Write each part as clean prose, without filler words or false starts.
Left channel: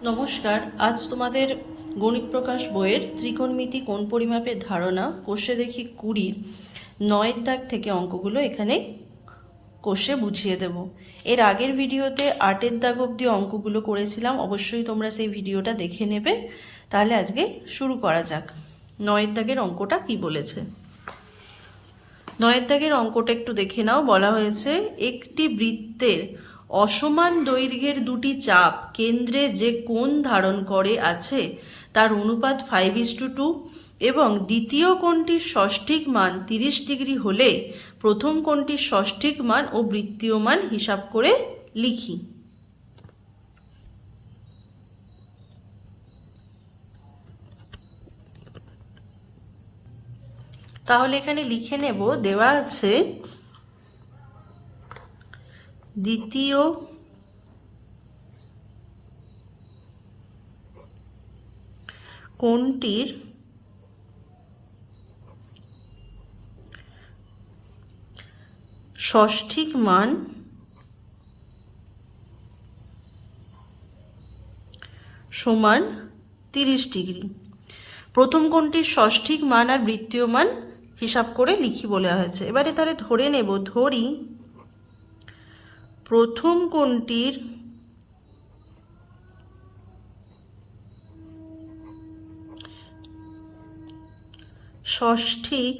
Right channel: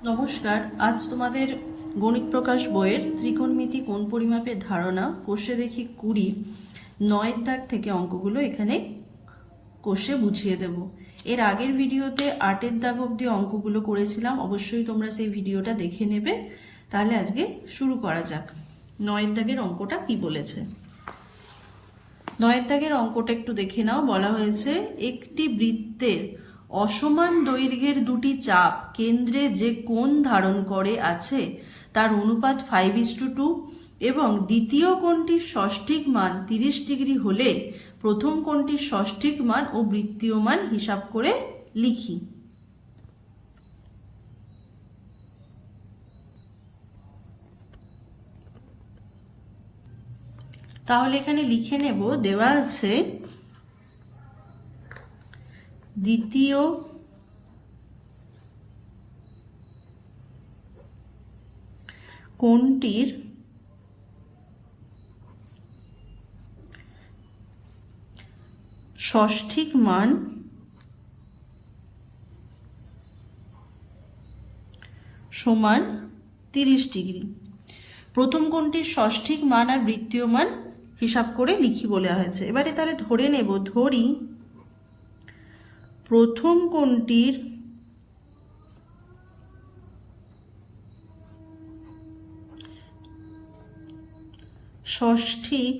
নমস্কার। আজ তোমাদের গণিত প্রকাশ বইয়ের ত্রিকোণমিতি কোণ পরিমাপের ধারণা কোষে দেখি 20 9 দাগ থেকে অঙ্কগুলো এখানে কোষে বুঝিয়ে দেব। এর আগের ভিডিওতে 8 দাগ অবধি অঙ্কগুলো করেছিলাম, অবশ্যই তোমরা সেই ভিডিওটা দেখে নেবে। তাহলে আজকে শুরু করা যাক। 9 দাগের অঙ্কটা কি বলেছে। 9 দাগের অঙ্কটা একটু দেখে নাও। বলা হয়েছে একটি বৃত্তের অসমান দৈর্ঘ্যের দুটি চাপ কেন্দ্রে যে কোণ ধারণ করে আছে তার অনুপাত 5:2 এবং দ্বিতীয় কোণটির ষষ্ঠিক মান 30 ডিগ্রি হলে প্রথম কোণটির ষষ্ঠিক মান ও বৃত্তীয় মান হিসাব করে লিখি। তাহলে এখানে লিখে নেব, দেওয়া আছে দ্বিতীয় কোণটির ষষ্ঠিক মান সমান 30 ডিগ্রি। প্রথম কোণটির ষষ্ঠিক মান আর বৃত্তীয় মান হিসাব করে লিখি বলে হয়েছে। এবারে তাহলে ধরে নেব, ধরি প্রথম কোণটির ষষ্ঠিক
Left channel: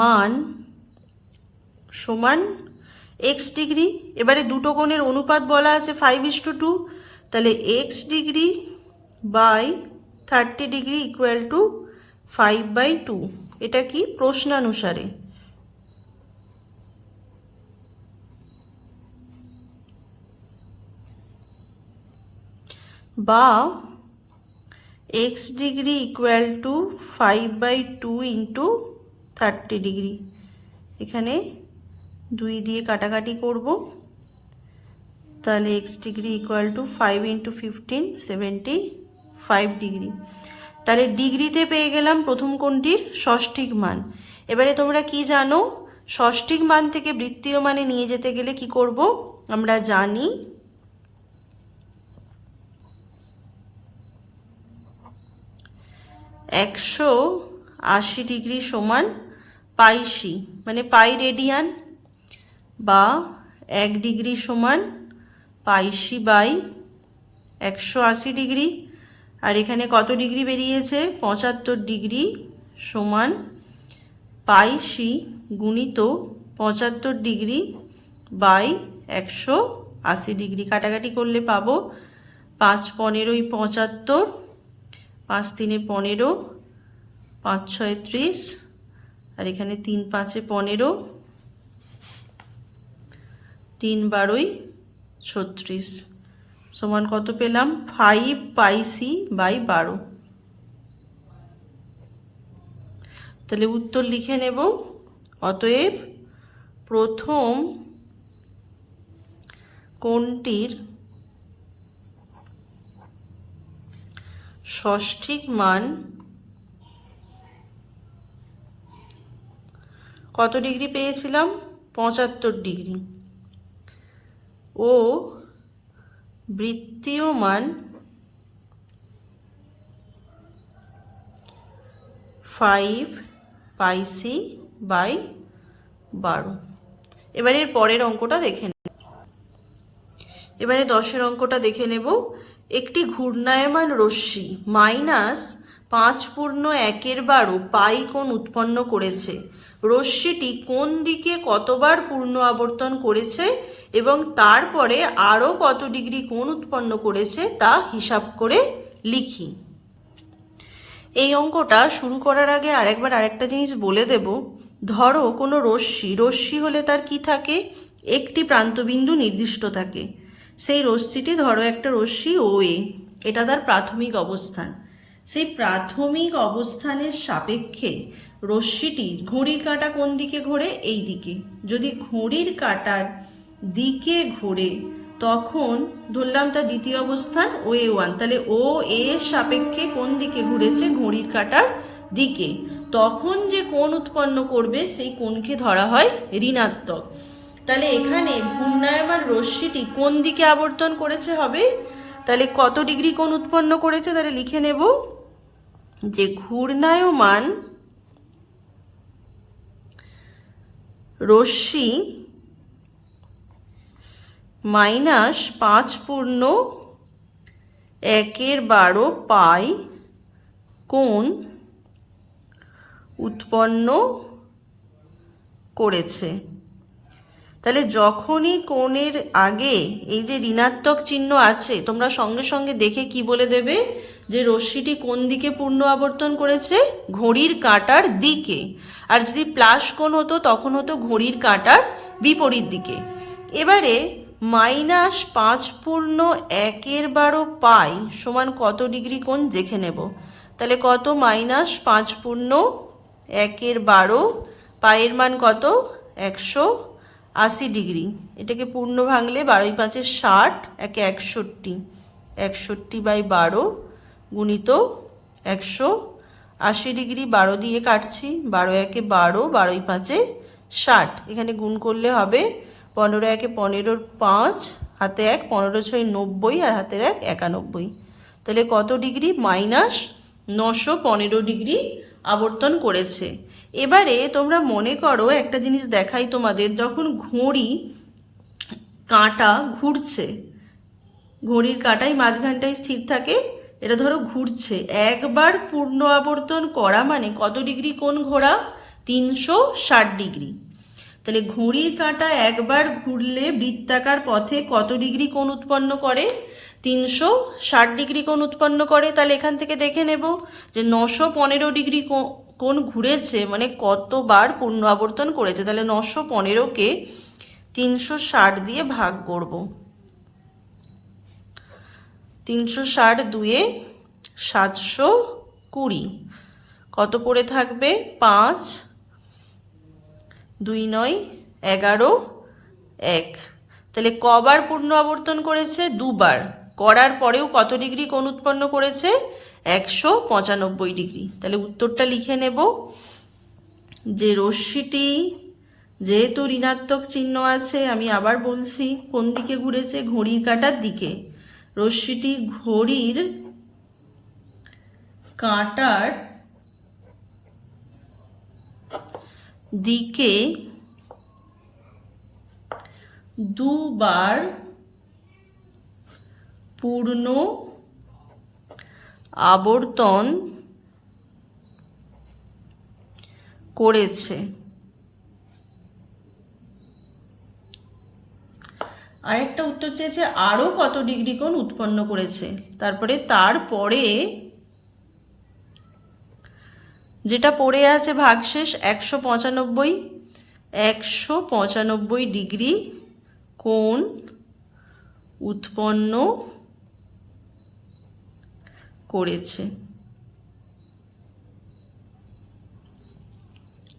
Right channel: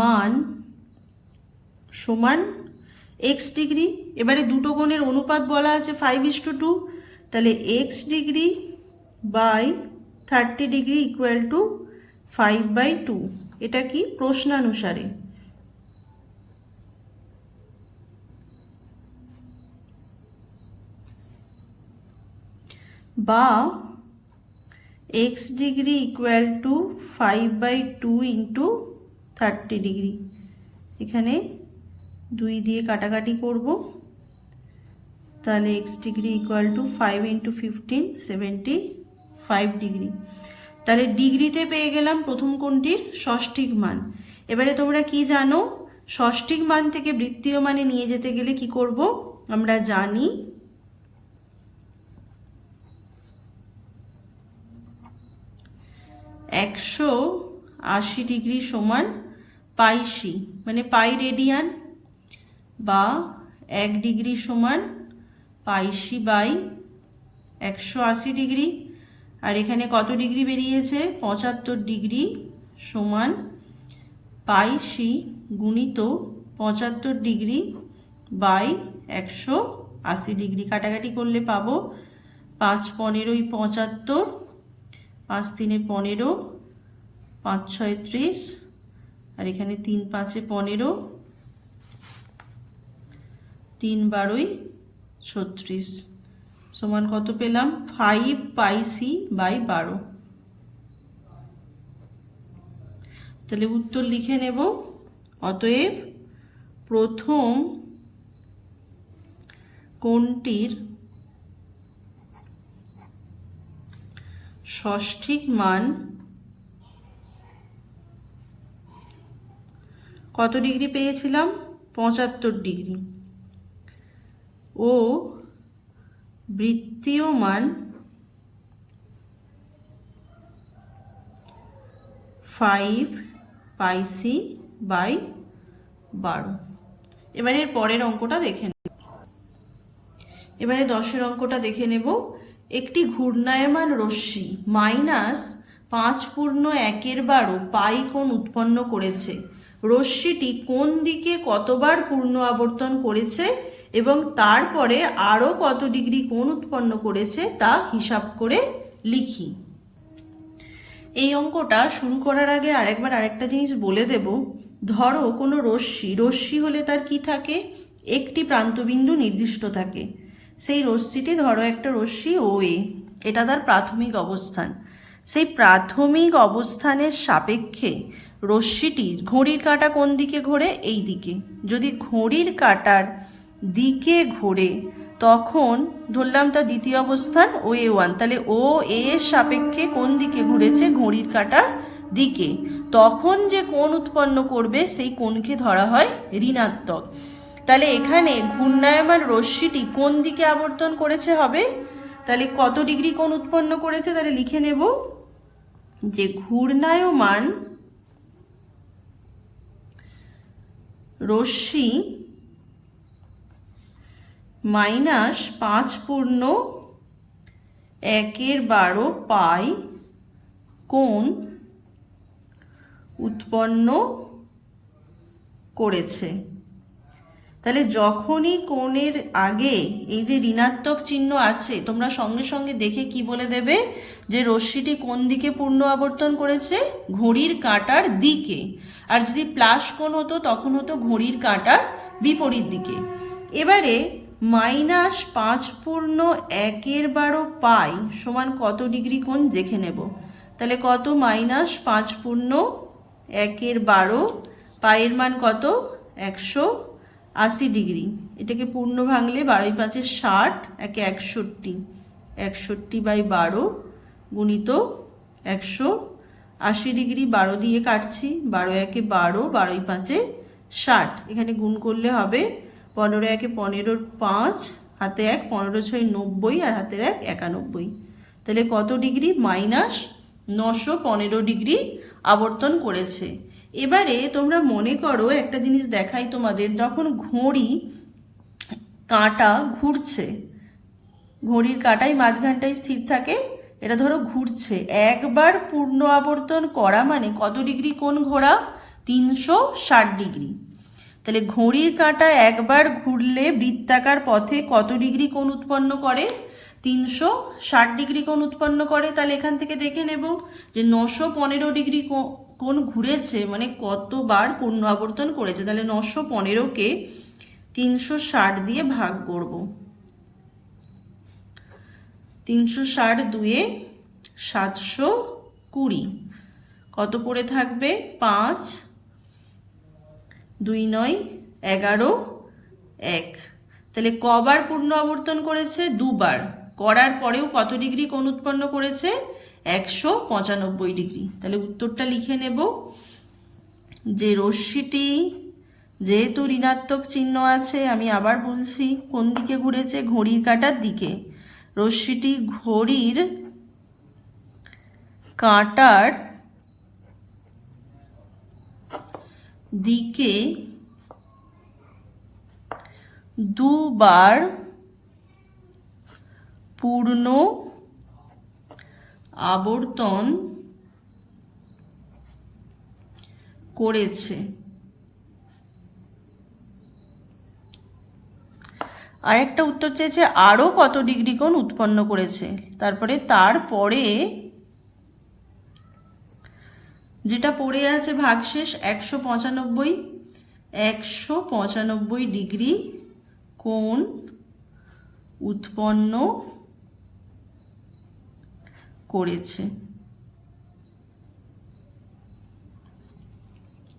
মান সমান x ডিগ্রি। এবারে দুটো কোণের অনুপাত বলা আছে 5:2, তাহলে x degree by 30 degree equal to 5/2। এটা কি প্রশ্নানুসারে, বা x degree equal to 5/2 into 30 degree. এখানে 2 দিয়ে কাটাকাটি করব, তাহলে x degree equal to 5 into 15 75 degree. তাহলে ডিগ্রিতে পেয়ে গেলাম প্রথম কোণটির ষষ্ঠিক মান। এবারে তোমরা কি জানো, ষষ্ঠিক মান থেকে বৃত্তীয় মানে নিয়ে যেতে গেলে কি করব, আমরা জানি 180 ডিগ্রি সমান পাইসি, মানে পাই রেডিয়ান, বা 1 ডিগ্রি সমান পাইসি বাই 180 ডিগ্রি। আর এখানে কত ডিগ্রি বেরিয়েছে, 75 ডিগ্রি সমান পাইসি গুণিত 75 ডিগ্রি বাই 180 ডিগ্রি। কাটাকাটি করলে পাবো 5 15 75, 5 3 15, 5 6 30, আর এখানে 3 5 15, 3 12 36 সমান কত পেলাম, 5 পাইসি বাই 12। তাহলে উত্তর লিখে নেব, অতএব প্রথম কোণটির ষষ্ঠিক মান কত ডিগ্রি পেয়েছিলাম, 75 ডিগ্রি, ও বৃত্তীয় মান 5 পাইসি বাই 12। এবারে পরের অঙ্কটা দেখে নেব। এবারে 10 অঙ্কটা দেখে নেব। একটি ঘূর্ণায়মান রশ্মি -5.1/12 পাই কোণ উৎপন্ন করেছে। রশ্মিটি কোন দিকে কতবার পূর্ণ আবর্তন করেছে এবং তারপরে আরও কত ডিগ্রি কোণ উৎপন্ন করেছে তা হিসাব করে লিখি। এই অঙ্কটা শুরু করার আগে আরেকটা জিনিস বলে দেব। ধরো কোনো রশ্মি হলে তার কি থাকে, একটি প্রান্তবিন্দু নির্দিষ্ট থাকে। সেই রশ্মিটি ধরো একটা রশ্মি OA, এটা তার প্রাথমিক অবস্থান। সেই প্রাথমিক অবস্থানের সাপেক্ষে রশ্মিটির ঘড়ির কাঁটা কোন দিকে ঘোরে, এই দিকে। যদি ঘড়ির কাঁটার দিকে ঘোরে তখন ধরলাম তার দ্বিতীয় অবস্থান OA1, তাহলে OA এর সাপেক্ষে কোন দিকে ঘুরেছে, ঘড়ির কাঁটার দিকে। তখন যে কোণ উৎপন্ন করবে সেই কোণকে ধরা হয় ঋণাত্মক। তাহলে এখানে ঘূর্ণায়মান রশ্মিটি কোন দিকে আবর্তন করেছে হবে, তাহলে কত ডিগ্রি কোণ উৎপন্ন করেছে, তাহলে লিখে নেব যে ঘূর্ণায়মান রশ্মি -5/1/12 পাই কোণ উৎপন্ন করেছে। তাহলে যখনই কোণের আগে এই যে ঋণাত্মক চিহ্ন আছে, তোমরা সঙ্গে সঙ্গে দেখে কি বলে দেবে যে রশ্মিটি কোন দিকে পূর্ণ আবর্তন করেছে, ঘড়ির কাঁটার দিকে। আর যদি প্লাস কোণ হতো তখন হতো ঘড়ির কাঁটার বিপরীত দিকে। এবারে -5/1/12 পাই সমান কত ডিগ্রি কোণ দেখে নেব। তাহলে কত, -5/1/12 পায়ের মান কত, 180 ডিগ্রি। এটাকে পূর্ণ ভাঙলে 12 5 60, 1 61, 61/12 গুণিত 180 ডিগ্রি। 12 দিয়ে কাটছি, 12 1 12, 12 5 60। এখানে গুণ করলে হবে 15 1 15, 5 হাতে 1, 15 6 90 আর হাতের 1 91। তাহলে কত ডিগ্রি, -915 ডিগ্রি আবর্তন করেছে। এবারে তোমরা মনে করো একটা জিনিস দেখাই তোমাদের, যখন ঘড়ি কাঁটা ঘুরছে, ঘড়ির কাঁটাই মাঝখানটায় স্থির থাকে, এটা ধরো ঘুরছে, একবার পূর্ণ আবর্তন করা মানে কত ডিগ্রি কোণ ঘোরা, 360 ডিগ্রি। তাহলে ঘড়ির কাঁটা একবার ঘুরলে বৃত্তাকার পথে কত ডিগ্রি কোণ উৎপন্ন করে, 360 ডিগ্রি কোণ উৎপন্ন করে। তাহলে এখান থেকে দেখে নেব যে 915 ডিগ্রি কোণ ঘুরেছে মানে কতবার পূর্ণ আবর্তন করেছে। তাহলে 915কে 360 দিয়ে ভাগ করব, 360 2 720, কত পড়ে থাকবে, 5 2 9 11 1। তাহলে কবার পূর্ণ আবর্তন করেছে, দুবার। করার পরেও কত ডিগ্রি কোণ উৎপন্ন করেছে, 195 ডিগ্রি। তাহলে উত্তরটা লিখে নেব যে রশ্মিটি যেহেতু ঋণাত্মক চিহ্ন আছে, আমি আবার বলছি কোন দিকে ঘুরেছে, ঘড়ির কাঁটার দিকে। রশ্মিটি ঘড়ির কাঁটার দিকে দুবার পূর্ণ আবর্তন করেছে। আরেকটা উত্তর চেয়েছে আরও কত ডিগ্রি কোণ উৎপন্ন করেছে। তারপরে যেটা পড়ে আছে ভাগশেষ, 195 ডিগ্রি কোণ উৎপন্ন করেছে।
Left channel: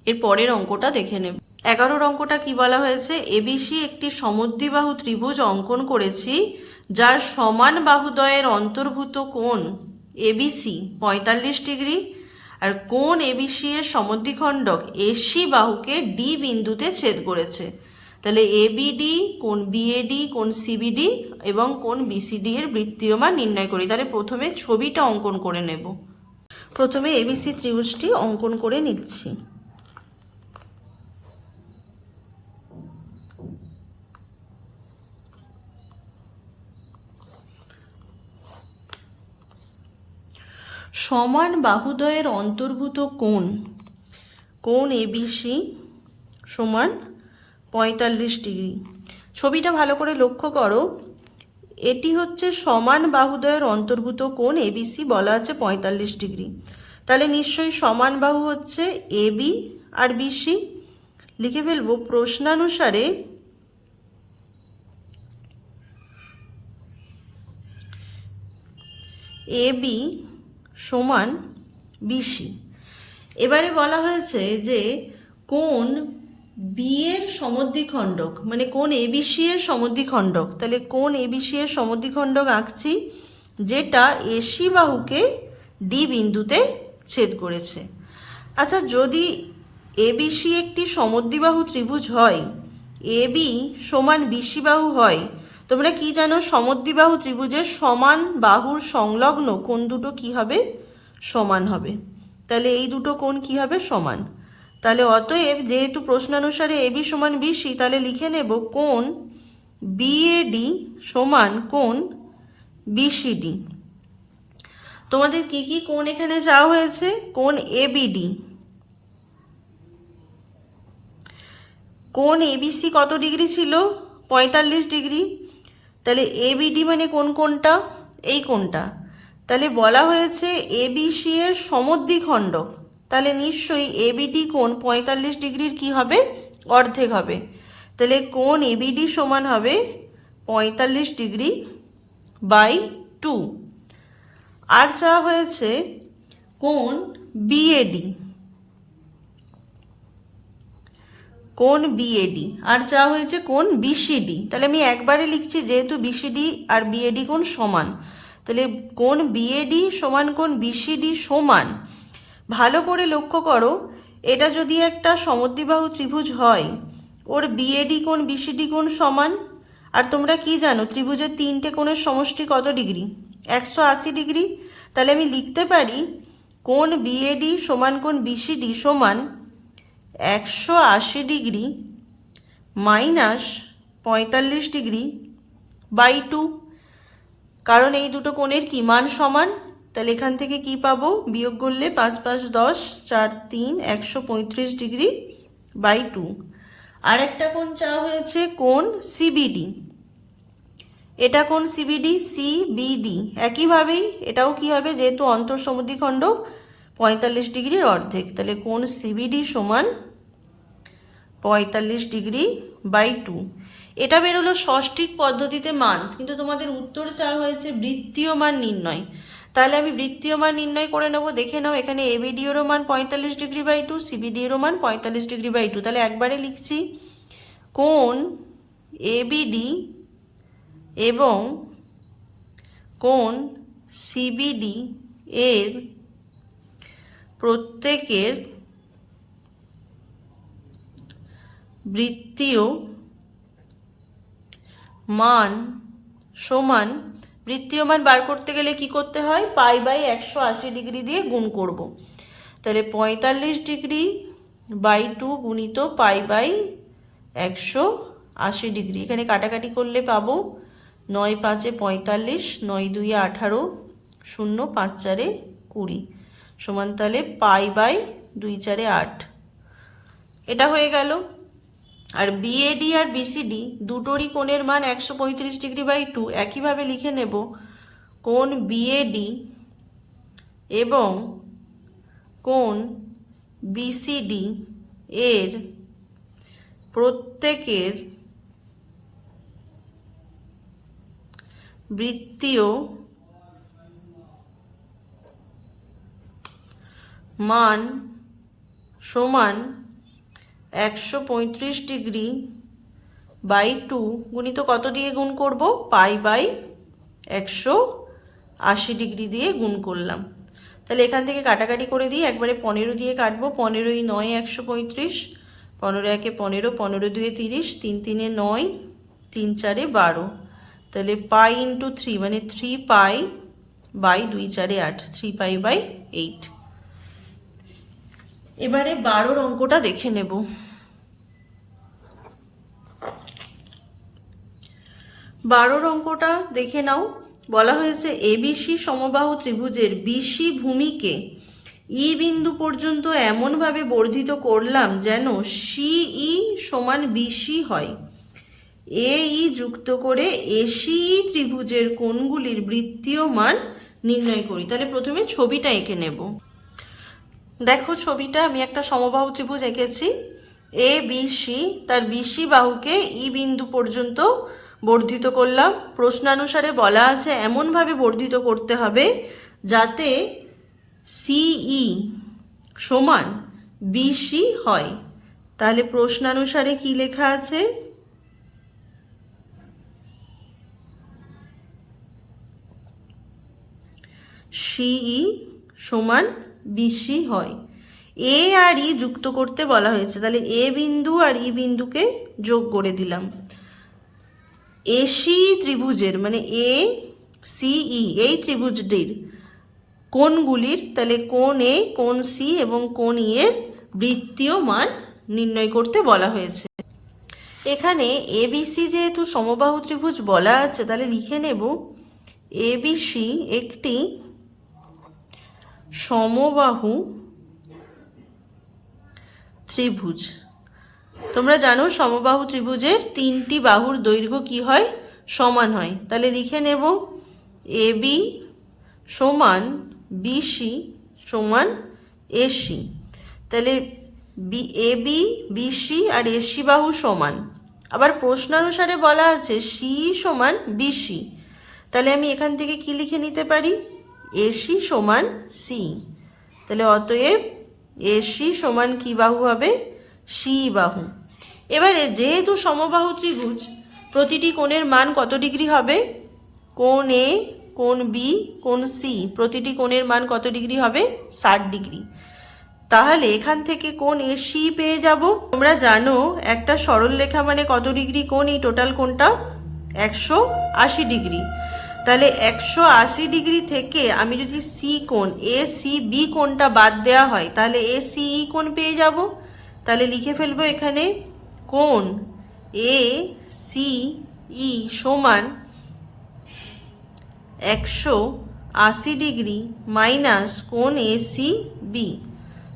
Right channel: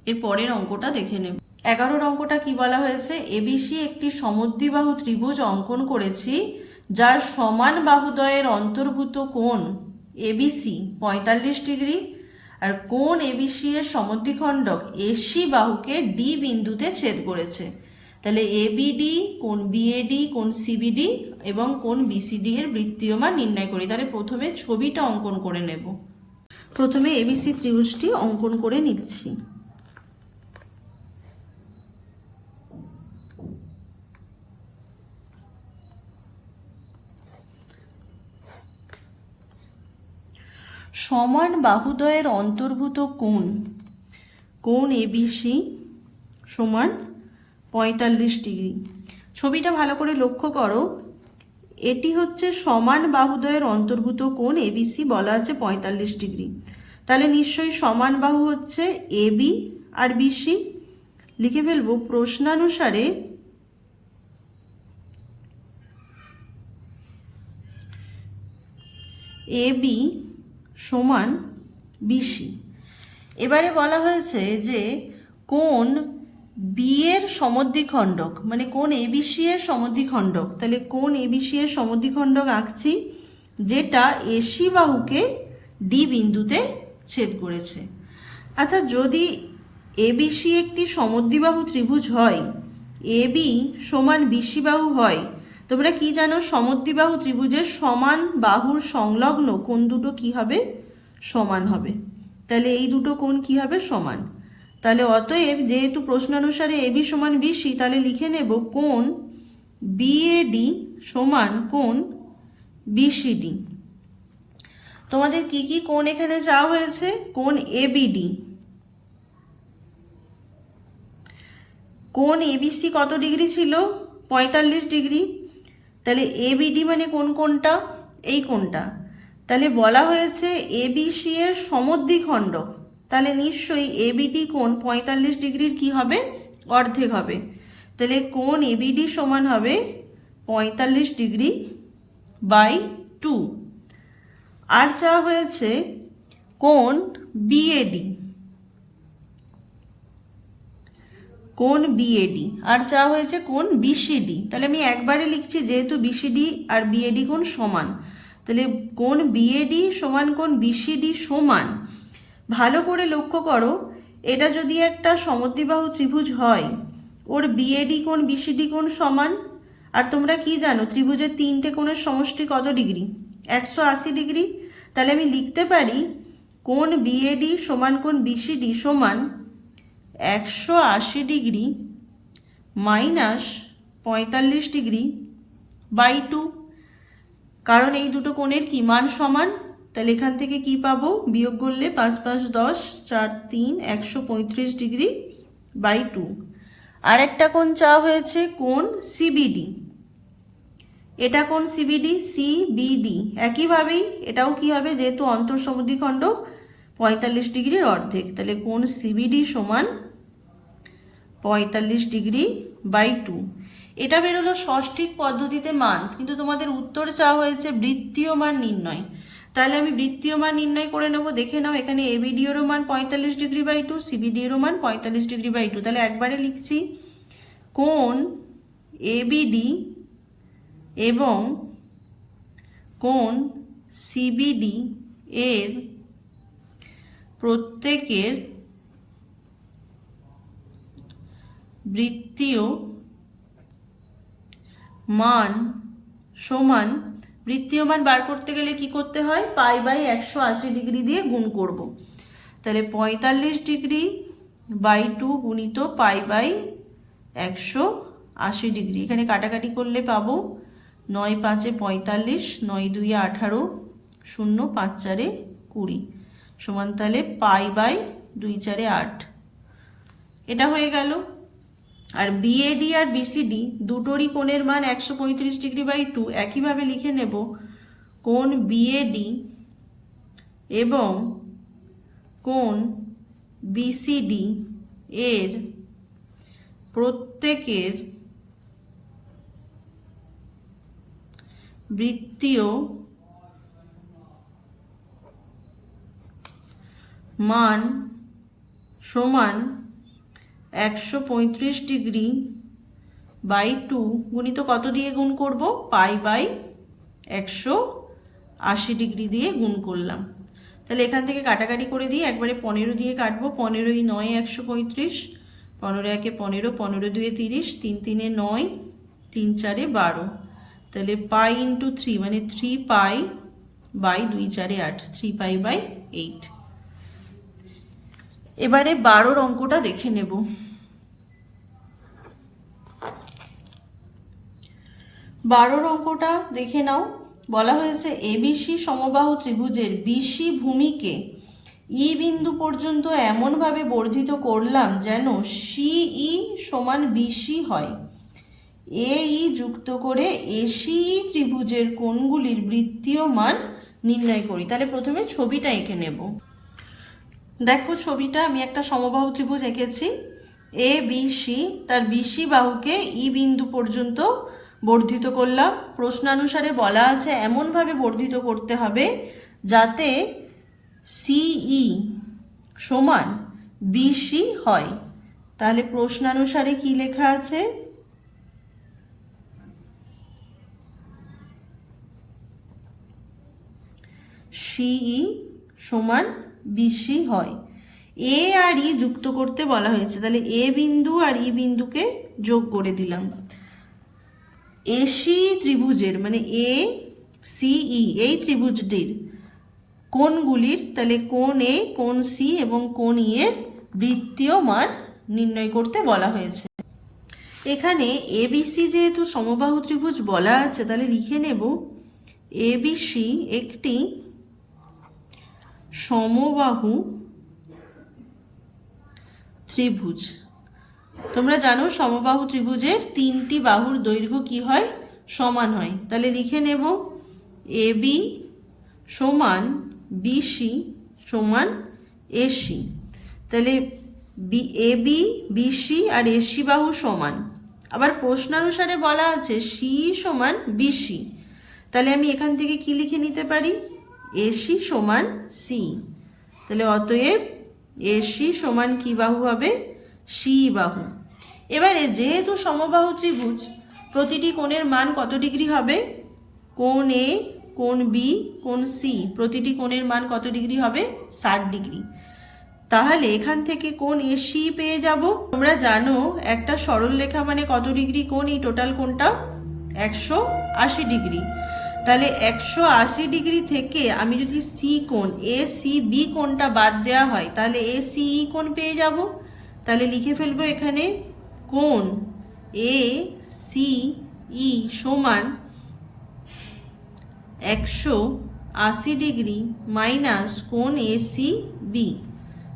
এর পরের অঙ্কটা দেখে নেব। 11 অঙ্কটা কি বলা হয়েছে, এবিসি একটি সমদ্বিবাহু ত্রিভুজ অঙ্কন করেছি যার সমান বাহুদ্বয়ের অন্তর্ভুত কোণ এবিসি 45 ডিগ্রি আর কোণ এবিসি এর সমদ্বিখণ্ডক এসি বাহুকে ডি বিন্দুতে ছেদ করেছে। তাহলে এবিডি, কোণ বিএডি, কোণ সিবিডি এবং কোণ বিসিডি এর বৃত্তীয় মান নির্ণয় করি। তাহলে প্রথমে ছবিটা অঙ্কন করে নেব। প্রথমে এবিসি ত্রিভুজটি অঙ্কন করে নিচ্ছি। সমান বাহুদ্বয়ের অন্তর্ভুত কোণ এবিসি সমান 45 ডিগ্রি। ছবিটা ভালো করে লক্ষ্য করো, এটি হচ্ছে সমান বাহুদ্বয়ের অন্তর্ভুত কোণ এবিসি, বলা আছে 45 ডিগ্রি। তাহলে নিশ্চয়ই সমান বাহু হচ্ছে এবি আর বিসি। লিখে ফেলবো প্রশ্নানুসারে এবি সমান বিসি। এবারে বলা হয়েছে যে কোণ বি এর সমদ্বিখণ্ডক মানে কোণ এবিসি এর সমদ্বিখণ্ডক। তাহলে কোণ এবিসি এর সমদ্বিখণ্ডক আঁকছি যেটা এসি বাহুকে ডি বিন্দুতে ছেদ করেছে। আচ্ছা, যদি এবিসি একটি সমদ্বিবাহু ত্রিভুজ হয়, এবি সমান বিসি বাহু হয়, তোমরা কি জানো, সমদ্বিবাহু ত্রিভুজের সমান বাহুর সংলগ্ন কোণ দুটো কি হবে? সমান হবে। তাহলে এই দুটো কোণ কি হবে? সমান। তাহলে অতএব যেহেতু প্রশ্নানুসারে এবি সমান বিসি, তাহলে লিখে নেব কোণ বিএডি সমান কোণ বিসিডি। তোমাদের কি কি কোণ এখানে চাওয়া হয়েছে? কোণ এবিডি, কোণ এবিসি কত ডিগ্রি ছিল? 45 ডিগ্রি। তাহলে এবিডি মানে কোন কোণটা? এই কোণটা। তাহলে বলা হয়েছে এবিসি এর সমদ্বিখণ্ডক, তাহলে নিশ্চয়ই এবিডি কোণ 45 ডিগ্রির কি হবে? অর্ধেক হবে। তাহলে কোণ এবিডি সমান হবে 45 ডিগ্রি বাই 2। আর চাওয়া হয়েছে কোণ বিএডি, কোণ বিএডি। আর চাওয়া হয়েছে কোণ বিসিডি। তাহলে আমি একবারে লিখছি, যেহেতু বিসিডি আর বিএডি কোণ সমান, তাহলে কোণ বিএডি সমান কোণ বিসিডি সমান। ভালো করে লক্ষ্য করো, এটা যদি একটা সমদ্বিবাহু ত্রিভুজ হয়, ওর বিএডি কোণ বিসিডি কোণ সমান। আর তোমরা কি জানো, ত্রিভুজের তিনটে কোণের সমষ্টি কত ডিগ্রি? 180 ডিগ্রি। তাহলে আমি লিখতে পারি কোণ বিএডি সমান কোণ বিসিডি সমান 180 ডিগ্রি মাইনাস 45 ডিগ্রি বাই 2। কারণ এই দুটো কোণের কি মান সমান। তাহলে এখান থেকে কি পাবো? বিয়োগ করলে 5 5 10, 4 3, 135 ডিগ্রি বাই 2। আর একটা কোণ চাওয়া হয়েছে কোণ সিবিডি। এটা কোণ সিবিডি, সিবিডি একইভাবেই এটাও কি হবে? যেহেতু অন্তঃসমদ্বিখণ্ডক 45 ডিগ্রির অর্ধেক, তাহলে কোণ সিবিডি সমান 45 ডিগ্রি বাই 2। এটা বেরোলো ষষ্ঠিক পদ্ধতিতে মান, কিন্তু তোমাদের উত্তর চাওয়া হয়েছে বৃত্তীয় মান নির্ণয়। তাহলে আমি বৃত্তীয় মান নির্ণয় করে নেব। দেখে নাও, এখানে এবিডি এরও মান 45 ডিগ্রি বাই 2, সিবিডি এরও মান 45 ডিগ্রি বাই 2। তাহলে একবারে লিখছি কোণ এবিডি এবং কোণ সিবিডি এর প্রত্যেকের বৃত্তীয় মান সমান। বৃত্তীয় মান বার করতে গেলে কি করতে হয়? পাই বাই 180 ডিগ্রি দিয়ে গুণ করব। তাহলে 45 ডিগ্রি বাই 2 গুণিত পাই বাই 180 ডিগ্রি। এখানে কাটাকাটি করলে পাবো 9 5 45, 9 2 18, 0 5 4 20 সমান তাহলে পাই বাই 2 4 8। এটা হয়ে গেল। আর বিএডি আর বিসিডি দুটোরই কোণের মান 135 ডিগ্রি বাই 2। একইভাবে লিখে নেব কোণ বিএডি এবং কোণ বিসিডি এর প্রত্যেকের বৃত্তীয় মান সমান 135 ডিগ্রি বাই 2 গুণিত কত দিয়ে গুণ করব? পাই বাই 180 ডিগ্রি দিয়ে গুণ করলাম। তাহলে এখান থেকে কাটাকাটি করে দিই, একবারে 15 দিয়ে কাটবো। 15 9 135, 15 1 15, 15 2 30, 3 3 9, 3 4 12। তাহলে পাই ইন্টু 3 মানে 3 পাই বাই 2 4 8, 3 পাই বাই 8। এবারে 12 অঙ্কটা দেখে নেব। 12 অঙ্কটা দেখে নাও। বলা হয়েছে এবিসি সমবাহু ত্রিভুজের বিসি ভূমিকে ই বিন্দু পর্যন্ত এমনভাবে বর্ধিত করলাম যেন সিই সমান বিসি হয়। এই যুক্ত করে এসিই ত্রিভুজের কোণগুলির বৃত্তীয় মান নির্ণয় করি। তাহলে প্রথমে ছবিটা এঁকে নেব। দেখো ছবিটা, আমি একটা সমবাহু ত্রিভুজ এঁকেছি এ বি সি। তার বিসি বাহুকে ই বিন্দু পর্যন্ত বর্ধিত করলাম। প্রশ্নানুসারে বলা আছে এমনভাবে বর্ধিত করতে হবে যাতে সিই সমান বিসি হয়। তাহলে প্রশ্নানুসারে কি লেখা আছে? সিই সমান বিসি হয়। এ আর ই যুক্ত করতে বলা হয়েছে, তাহলে এ বিন্দু আর ই বিন্দুকে যোগ করে দিলাম। এসি ত্রিভুজের মানে এ সিই এই ত্রিভুজটির কোণগুলির, তাহলে কোণ এ, কোণ সি এবং কোণ ই এর বৃত্তীয় মান নির্ণয় করতে বলা হয়েছে। এখানে এবিসি যেহেতু সমবাহু ত্রিভুজ বলা আছে, তাহলে লিখে নেব এবিসি একটি সমবাহু ত্রিভুজ। তোমরা জানো সমবাহু ত্রিভুজের তিনটি বাহুর দৈর্ঘ্য কি হয়, সমান হয়। তাহলে লিখে নেব এবি সমান বিসি সমান এসি। তাহলে এবি বিসি আর এসি বাহু সমান। আবার প্রশ্নানুসারে বলা আছে সি সমান বিসি, তাহলে আমি এখান থেকে কি লিখে নিতে পারি, এসি সমান সি। তাহলে অতএব এসি সমান কি বাহু হবে, সি বাহু। এবারে যেহেতু সমবাহু ত্রিভুজ, প্রতিটি কোণের মান কত ডিগ্রি হবে, কোণ এ, কোণ বি, কোণ সি প্রতিটি কোণের মান কত ডিগ্রি হবে, 60 ডিগ্রি। তাহলে এখান থেকে কোণ এসি পেয়ে যাব। তোমরা জানো একটা সরল রেখা মানে কত ডিগ্রি কোণ, এই টোটাল কোণটা 180 ডিগ্রি। তাহলে 180 ডিগ্রি থেকে আমি যদি সি কোণ এ সি বি কোণটা বাদ দেওয়া হয়, তাহলে এ সি ই কোণ পেয়ে যাব। তাহলে লিখে ফেলবো এখানে কোণ এ সি ই সমান 180 ডিগ্রি মাইনাস কোণ এ সি বি।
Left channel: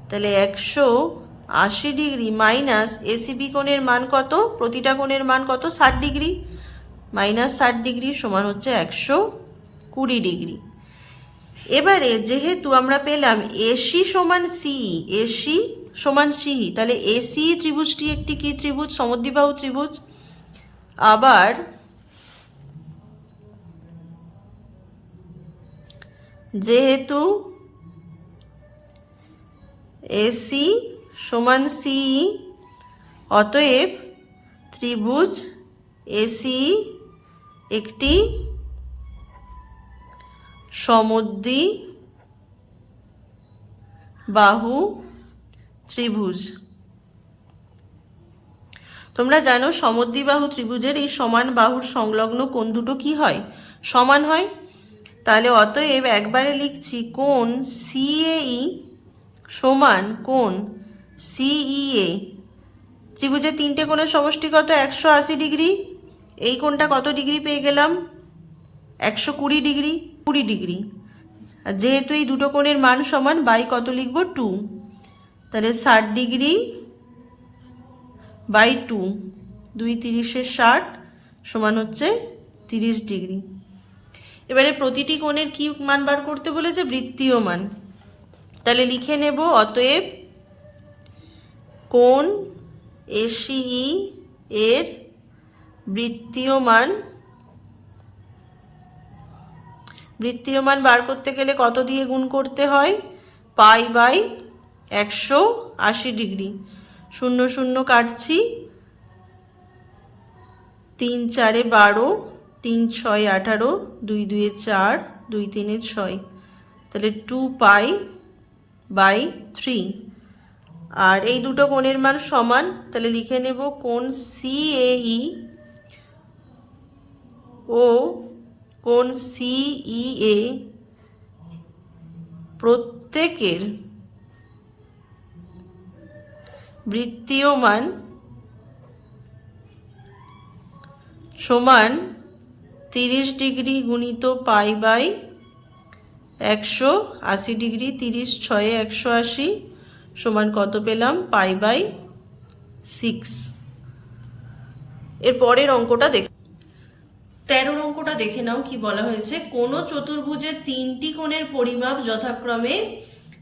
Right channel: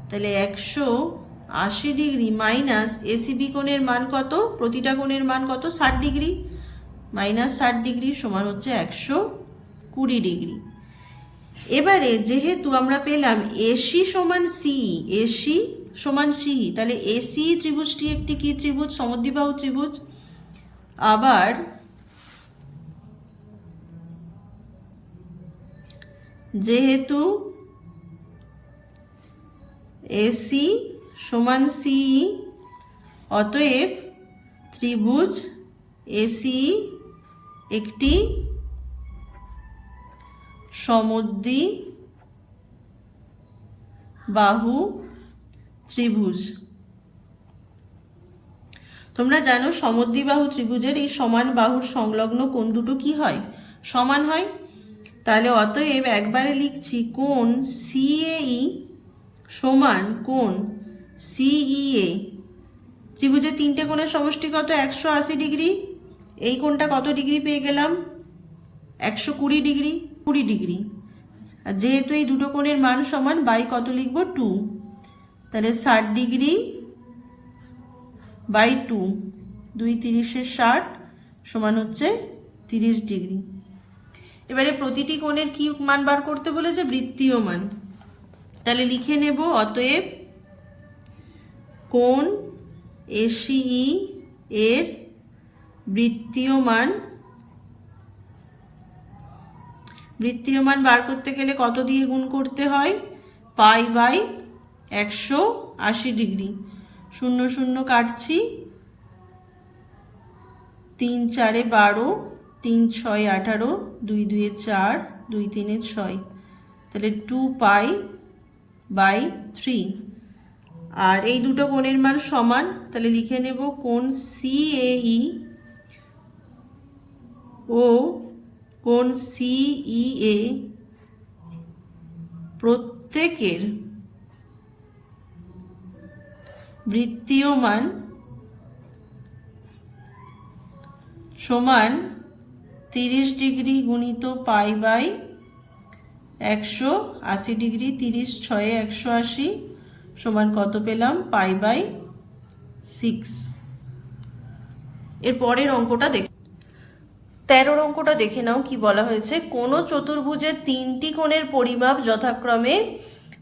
তাহলে 180 ডিগ্রি মাইনাস এসিবি কোণের মান কত, প্রতিটা কোণের মান কত, 60 ডিগ্রি, মাইনাস 60 ডিগ্রি সমান হচ্ছে 120 ডিগ্রি। এবারে যেহেতু আমরা পেলাম এসি সমান সিই, এসি সমান সিই, তাহলে এসি ত্রিভুজটি একটি কি ত্রিভুজ, সমদ্বিবাহু ত্রিভুজ। আবার যেহেতু এসি সমান সিই, অতএব ত্রিভুজ এসি একটি সমদ্বিবাহু ত্রিভুজ। তোমরা জানো সমদ্বিবাহু ত্রিভুজের এই সমান বাহুর সংলগ্ন কোণ দুটো কি হয়, সমান হয়। তাহলে অতএব একবারে লিখছি কোণ সিএই সমান কোণ সিইএ। ত্রিভুজের তিনটে কোণের সমষ্টি কত, 180 ডিগ্রি। এই কোণটা কত ডিগ্রি পেয়ে গেলাম, 120 ডিগ্রি, 20 ডিগ্রি। আর যেহেতু এই দুটো কোণের মান সমান, বাই কত লিখব, 2। তাহলে 60 ডিগ্রি বাই 2, 2 30 60 সমান হচ্ছে 30 ডিগ্রি। এবারে প্রতিটি কোণের কি মান বার করতে বলেছে, বৃত্তীয় মান। তাহলে লিখে নেব অতএব কোণ এসিই এর বৃত্তীয় মান, বৃত্তীয় মান বার করতে গেলে কত দিয়ে গুণ করতে হয়, পাই বাই 180 ডিগ্রি। 0 0 কাটছি, 3 4 12, 3 6 18, 2 2 4, 2 3 6, তাহলে 2 পাই বাই 3। আর এই দুটো কোণের মান সমান, তাহলে লিখে নেব কোণ সিএই ও কোণ সিইএ প্রত্যেকের বৃত্তীয় মান সমান 30 ডিগ্রি গুণিত পাই বাই 180 ডিগ্রি। 30 6 180 সমান কত পেলাম, পাই বাই 6। এর পরের অঙ্কটা দেখে 13 অঙ্কটা দেখে নাও কি বলা হয়েছে। কোনো চতুর্ভুজের তিনটি কোণের পরিমাপ যথাক্রমে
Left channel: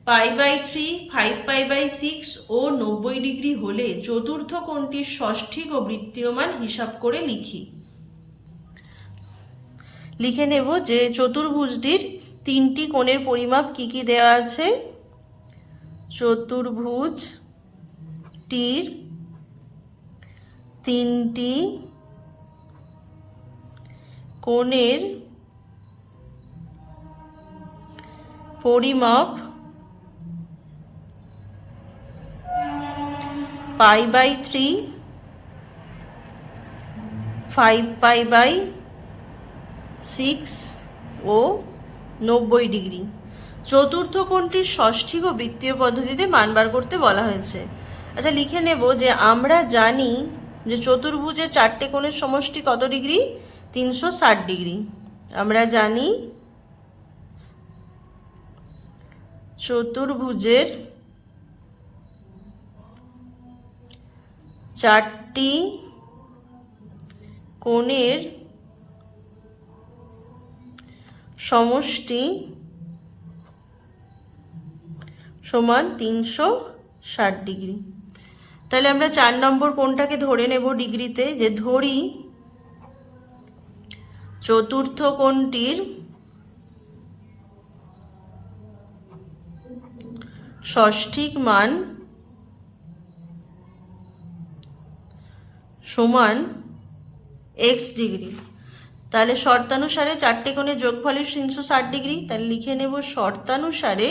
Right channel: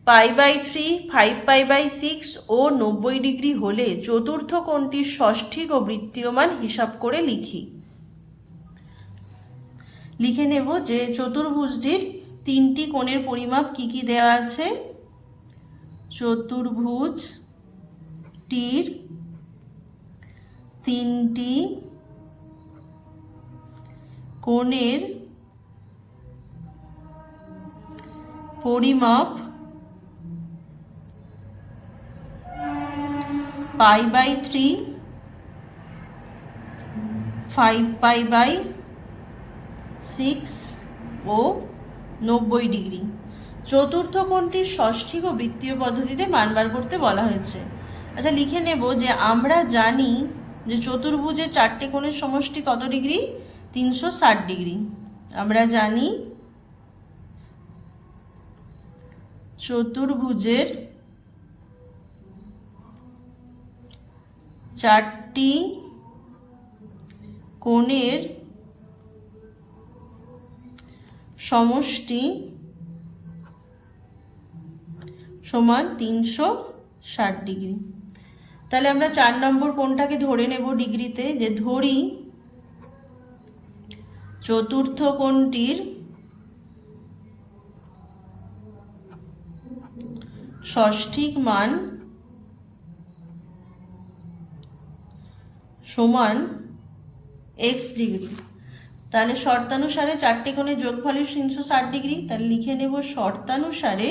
পাই বাই 3, 5 পাই বাই 6 ও 90 ডিগ্রি হলে চতুর্থ কোণটির ষষ্ঠিক ও বৃত্তীয় মান হিসাব করে লিখি। লিখে নেব যে চতুর্ভুজটির তিনটি কোণের পরিমাপ কি কি দেওয়া আছে। চতুর্ভুজটির তিনটি কোণের পরিমাপ পাই বাই 3, 5π/6 ও 90 ডিগ্রি। চতুর্থ কোণটির ষষ্ঠিক ও বৃত্তীয় পদ্ধতিতে মান বার করতে বলা হয়েছে। আচ্ছা, লিখে নেব যে আমরা জানি যে চতুর্ভুজের চারটে কোণের সমষ্টি কত ডিগ্রি? 360 ডিগ্রি। আমরা জানি চতুর্ভুজের চারটি কোণের সমষ্টি সমান 360 ডিগ্রি। তাহলে আমরা 4 নম্বর কোণটাকে ধরে নেব ডিগ্রিতে, যে ধরি চতুর্থ কোণটির ষষ্ঠিক মান সমান x ডিগ্রি। তাহলে শর্তানুসারে চারটে কোণের যোগফলের 360 ডিগ্রি। তাহলে লিখে নেব শর্তানুসারে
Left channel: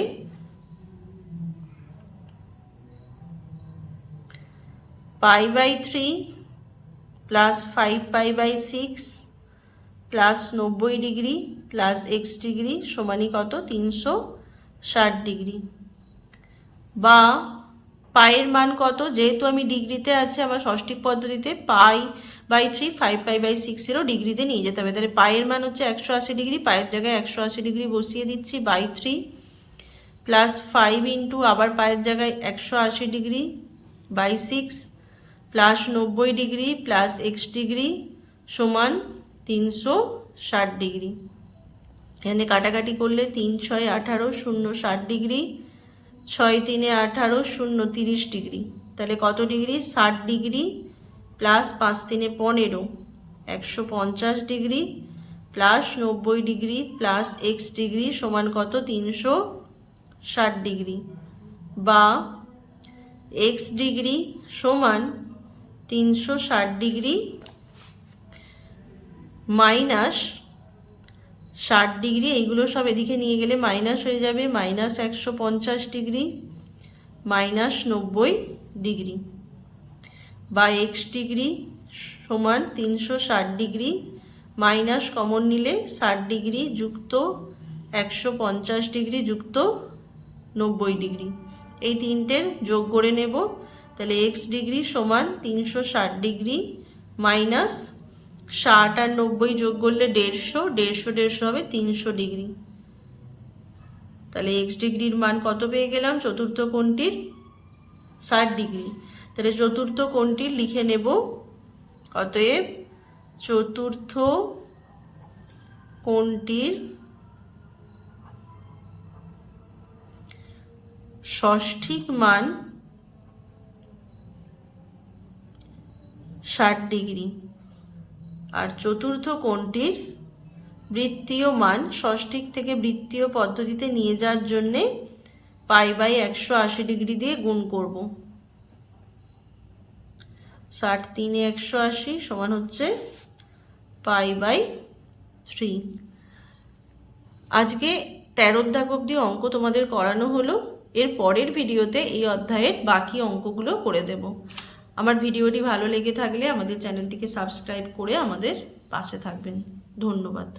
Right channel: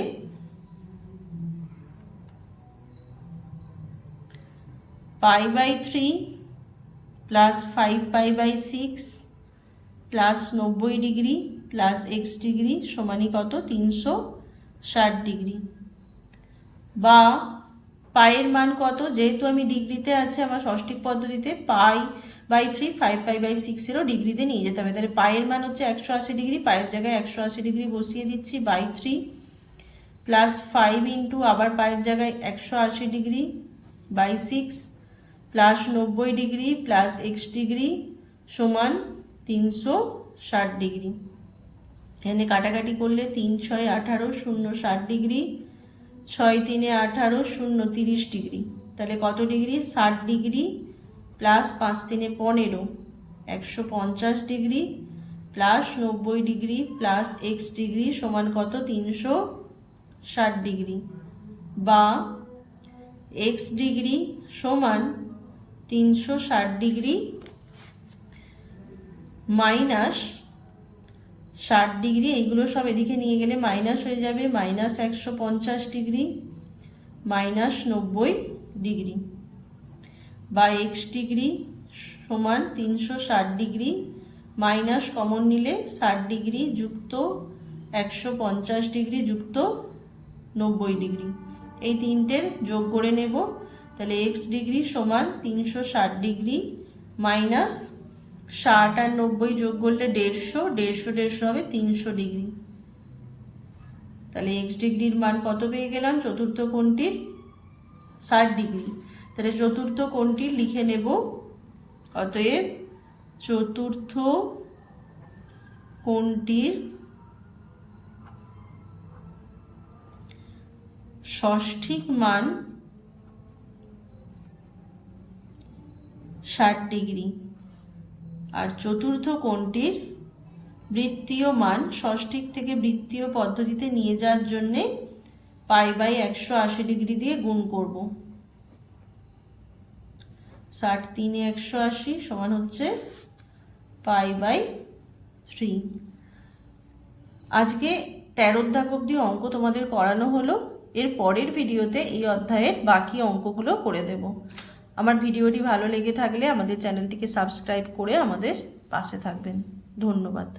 π/3 plus 5π/6 plus 90 degree plus x degree সমানই কত? 360 ডিগ্রি। বা পায়ের মান কত? যেহেতু আমি ডিগ্রিতে আছে, আমার ষষ্ঠিক পদ্ধতিতে π/3 5π/6 ডিগ্রিতে নিয়ে যেতে হবে। তাহলে পায়ের মান হচ্ছে 180 ডিগ্রি, পায়ের জায়গায় 180 ডিগ্রি বসিয়ে দিচ্ছি। /3 প্লাস 5 ইন্টু আবার পায়ের জায়গায় 180 degree /6 plus 90 degree plus x degree সমান 360 ডিগ্রি। এখানে কাটাকাটি করলে 3 × 6 = 18, 0 60 ডিগ্রি, 6 × 3 = 18, 0 30 ডিগ্রি। তাহলে কত degree? 60 degree plus 5 × 3 = 15, 150 degree plus 90 degree plus x degree সমান কত? 360 ডিগ্রি। বা x ডিগ্রি সমান 360 ডিগ্রি মাইনাস 60 ডিগ্রি, এইগুলো সব এদিকে নিয়ে গেলে মাইনাস হয়ে যাবে, মাইনাস 150 ডিগ্রি মাইনাস 90 ডিগ্রি। বা x ডিগ্রি সমান 360 ডিগ্রি মাইনাস কমন নিলে 60 ডিগ্রি যুক্ত 150 ডিগ্রি যুক্ত 90 ডিগ্রি, এই তিনটের যোগ করে নেব। তাহলে x ডিগ্রি সমান 360 ডিগ্রি মাইনাস 60 আর 90 যোগ করলে 150 হবে 300 ডিগ্রি। তাহলে x ডিগ্রির মান কত পেয়ে গেলাম? চতুর্থ কোণটির 60 ডিগ্রি। তাহলে চতুর্থ কোণটির লিখে নেব, অতএব চতুর্থ কোণটির ষষ্ঠিক মান 60 ডিগ্রি আর চতুর্থ কোণটির বৃত্তীয় মান ষষ্ঠিক থেকে বৃত্তীয় পদ্ধতিতে নিয়ে যাওয়ার জন্যে π/180 ডিগ্রি দিয়ে গুণ করব। 60 × 3 = 180 সমান হচ্ছে π/3। আজকে 13 দাগ অবধি অঙ্ক তোমাদের করানো হলো। এর পরের ভিডিওতে এই অধ্যায়ের বাকি অঙ্কগুলো করে দেব। আমার ভিডিওটি ভালো লেগে থাকলে আমাদের চ্যানেলটিকে সাবস্ক্রাইব করে আমাদের পাশে থাকবেন। ধন্যবাদ।